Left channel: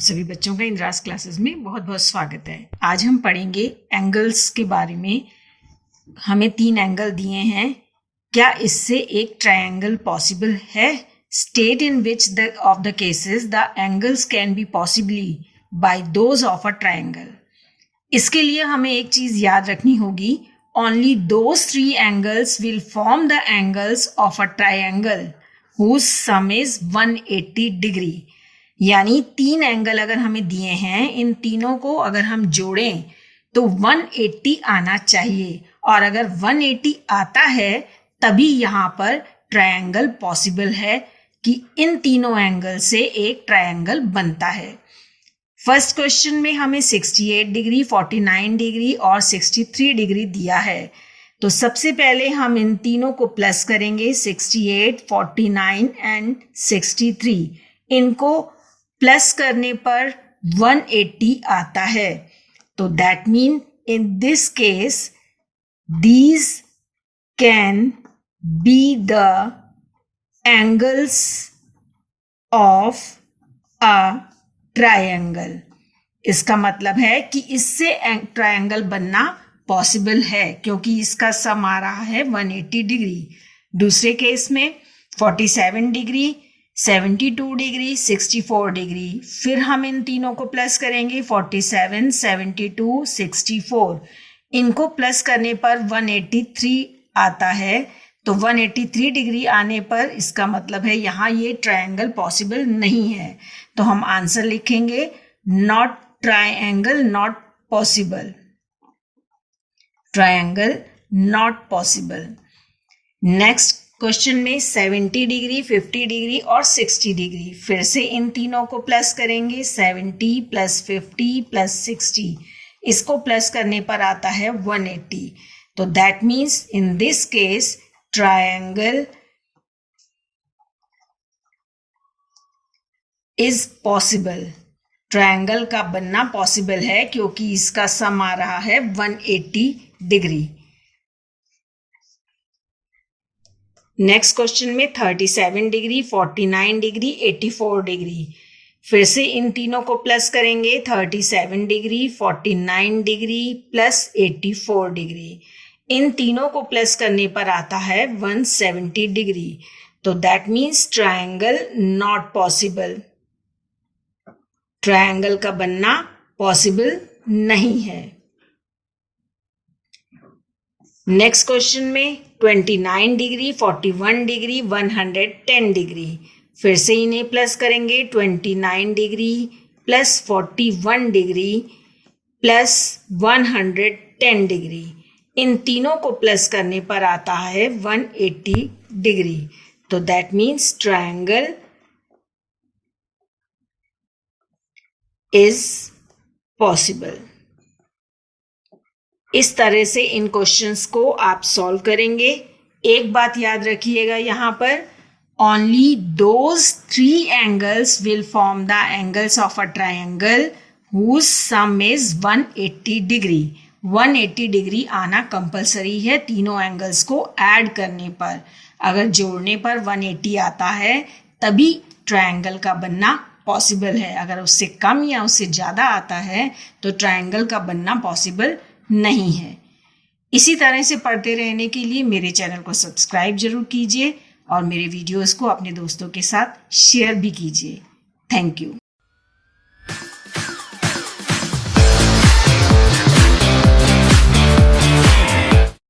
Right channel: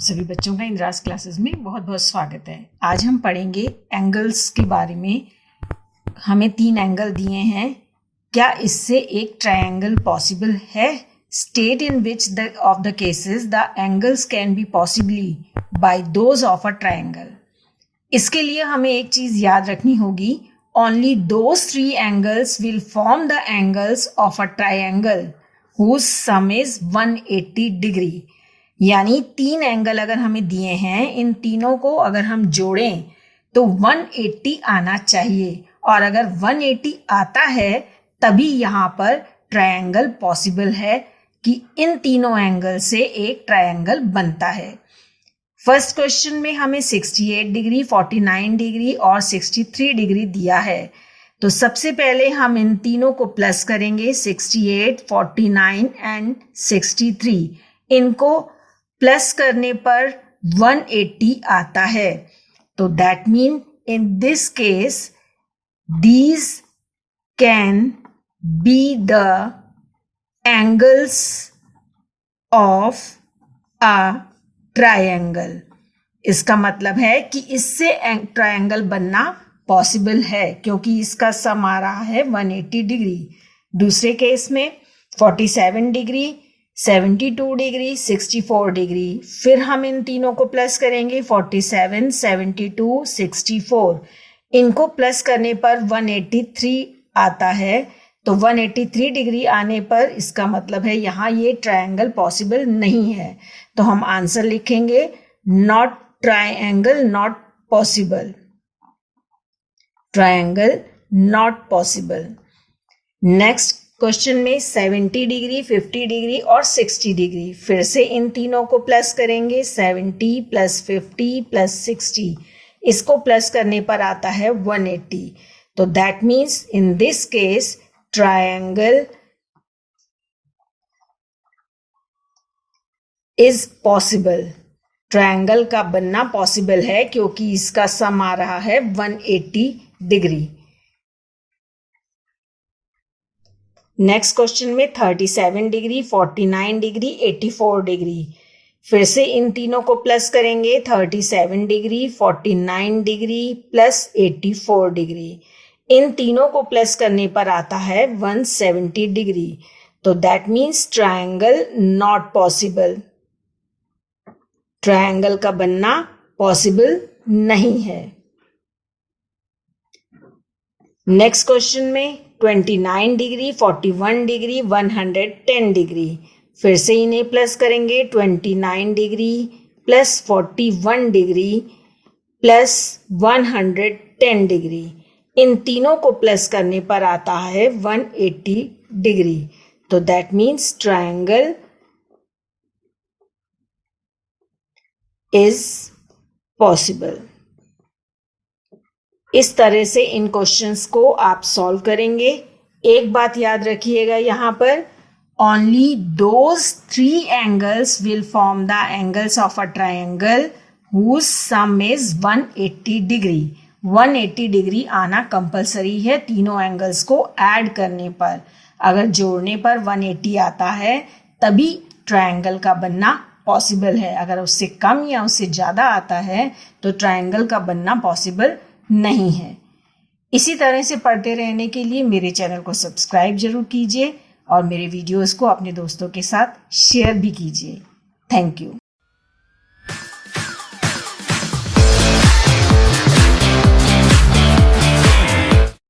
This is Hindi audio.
सभी बच्चों का इंद्रास क्लासेस में बहुत बहुत स्वागत है। आज हम पढ़ेंगे एंगल्स के बारे में। हमें 3 एंगल दिए हैं। क्या इससे एक ट्रायंगल पॉसिबल है? State in which of the cases the angles can be possibly by those of a triangle. इसके लिए हमें एक चीज याद रखनी होगी, only those 3 angles will form the angles of a triangle whose sum is 180 degree. यानी 3 एंगल अगर हमें दिए हैं, इन तीनों को अगर हम जोड़ें तो 180 आना चाहिए, और अगर 180 आता है तभी यहाँ पर ट्रायंगल पॉसिबल है कि इन तीनों एंगल से एक ट्रायंगल बनता है। फर्स्ट क्वेश्चन में हमें 68 डिग्री, 49 डिग्री और 63 डिग्री दिया है। तो सबसे पहले हम इन तीनों को प्लस करेंगे, 68, 49 एंड 63। इनको प्लस करने पर 180 आता है। तो that mean in this case these can be the angles of a triangle. इसका मतलब है कि इससे ट्रायंगल बनना पॉसिबल है, क्योंकि इसका सम आ रहा है 180 डिग्री। दूसरे केस में 47 डिग्री, 72 डिग्री, 64 डिग्री। फिर हम इन तीनों को प्लस करेंगे, 47, 72, 64। इनको प्लस करने पर 183 आता है। तो 183 डिग्री आने पर इसका मतलब है यहाँ ये ट्रायंगल पॉसिबल नहीं है। तो हम आंसर लिखेंगे not triangle, not possible. Triangle not possible. Next question में 70 डिग्री, 50 डिग्री और 60 डिग्री। फिर से इन तीनों को प्लस करेंगे, 70 प्लस 50 प्लस 60। इसको प्लस करने पर आता है 180। तो that means in this case triangle is possible. Triangle का बनना पॉसिबल है क्योंकि इसका सम आ रहा है 180 डिग्री। नेक्स्ट क्वेश्चन में 37 डिग्री, 49 डिग्री, 84 डिग्री। फिर से इन तीनों को प्लस करेंगे, 37 डिग्री, 49 डिग्री प्लस 84 डिग्री। इन तीनों को प्लस करने पर आता है 170 डिग्री। तो that means triangle not possible. Triangle का बनना पॉसिबल नहीं है। नेक्स्ट क्वेश्चन में 29 डिग्री, 41 डिग्री, 110 डिग्री। फिर से इन्हें प्लस करेंगे, 29 degree plus 41 degree plus 110 degree. इन तीनों को प्लस करने पर आता है 180 डिग्री। तो that means triangle is possible. इस तरह से इन क्वेश्चंस को आप सॉल्व करेंगे। एक बात याद रखिएगा, यहाँ पर only those 3 angles will form the angles of a triangle whose sum is 180 degree. 180 degree आना कंपलसरी है तीनों एंगल्स को ऐड करने पर। अगर जोड़ने पर 180 आता है तभी ट्रायंगल का बनना पॉसिबल है। अगर उससे कम या उससे ज़्यादा आता है तो ट्रायंगल का बनना पॉसिबल नहीं है। इसी तरह से पढ़ते रहने के लिए मेरे चैनल को सब्सक्राइब जरूर कीजिए और मेरे वीडियोस को अपने दोस्तों के साथ शेयर भी कीजिए। Thank you.